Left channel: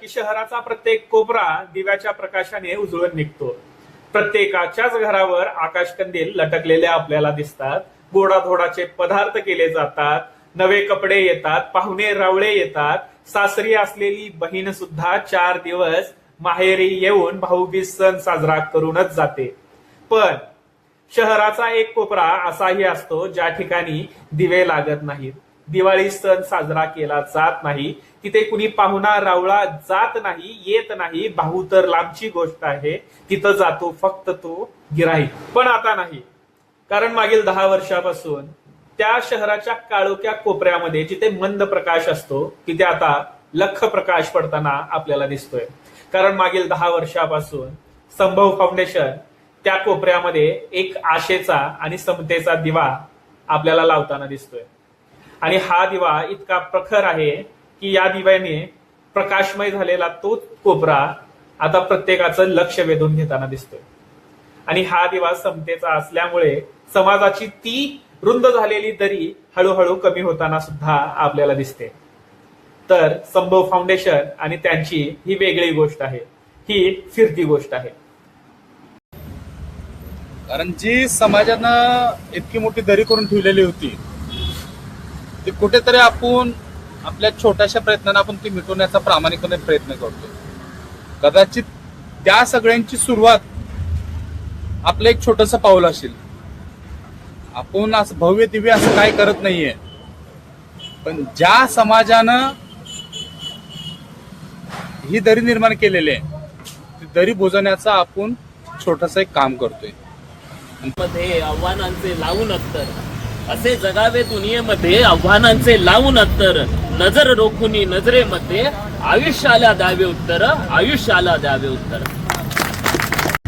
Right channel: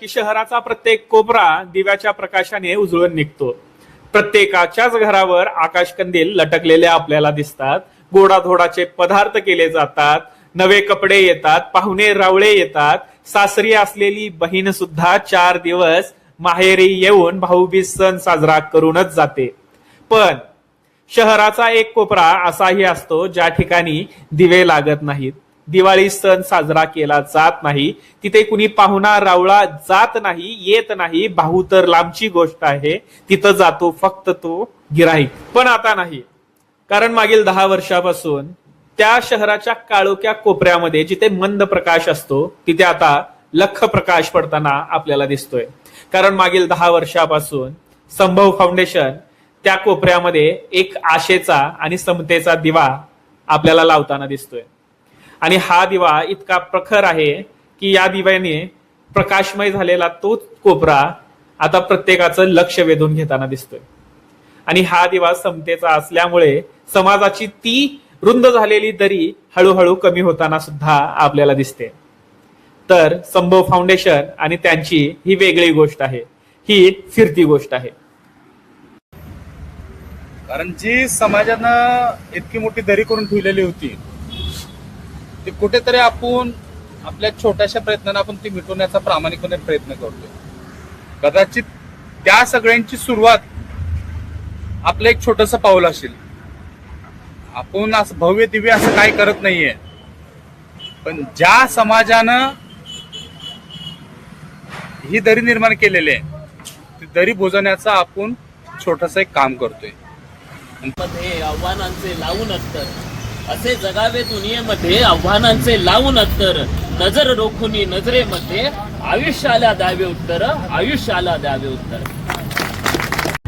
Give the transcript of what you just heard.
की शहराचा प्रत्येक कोपरा दिव्याच्या प्रकाशाने उजळून निघतो. प्रत्येकाच्याच घरावर आकाशकंदील लटकलेले आपल्याला दिसतात. गोडाधोडाचे पदार्थ केले जातात. नवे कपडे येतात. पाहुणे रावळे येतात. सासरी असलेली बहीण सुद्धा 4 दिवस माहेरी येऊन भाऊबीज सण साजरा करूनच जाते. पण शहराचा एक कोपरा असाही असतो ज्या ठिकाणी दिवे लागत नाहीत. दिवाळी सण साजरा केला जात नाही. तिथे कुणी पाहुणा रावळा जात नाही, येत नाही. भाऊ तर लांबची गोष्ट आहे. तिथं जातो फक्त तो गिराईक. पण आता नाही, कारण मागील 10 वर्षापासून त्या शहराच्या काळोख्या कोपऱ्यामध्ये जिथे मंद प्रकाश असतो तिथे आता लख प्रकाश पडताना आपल्याला दिसतोय. कारण मागील 10 वर्षापासून संभव फाउंडेशन त्या कोपऱ्यामध्ये एक आशेचा आणि समतेचा दिवा आपल्याला लावताना दिसतोय. आणि हा दिवा इतका प्रखर आहे की या दिव्याने प्रकाशमय झालेला तो कोपरा आता प्रत्येकाचं लक्ष वेधून घेताना दिसतोय. आणि हा दिवा समतेचा असल्यामुळे समाजाची ती रुंद झालेली दरी हळूहळू कमी होताना सुद्धा आपल्याला दिसते. तर संभव फाउंडेशन आणि त्यांची ही वेगळी गोष्ट आहे, ही फिरती गोष्ट आहे. कारण जी समाजानं इतकी मोठी दरी करून ठेवलेली होती ती कुठेतरी आपण आपल्या छोट्याशा प्रयत्नाने आपण ती मिटवण्याचा प्रामाणिकपणे प्रयत्न करतोय. कदाचित त्या सगळ्यांची सुरुवात आपलं एक छोटस पाऊल असेल. आपण असं भव्य दिव्य असं काय करत नाहीये, पण ज्या समाजानं ही दरी निर्माण केलेली आहे ती दरी बुजवण्याचा आपण छोटस एक काम करतोय. मध्ये आव्हानांचे लावून अत्तर असे जगावे दुनियेमध्ये आव्हानांचे लावून अत्तर नजर रोखुनी नजरेमध्ये आयुष्याला द्यावे उत्तर आयुष्याला द्यावे उत्तर.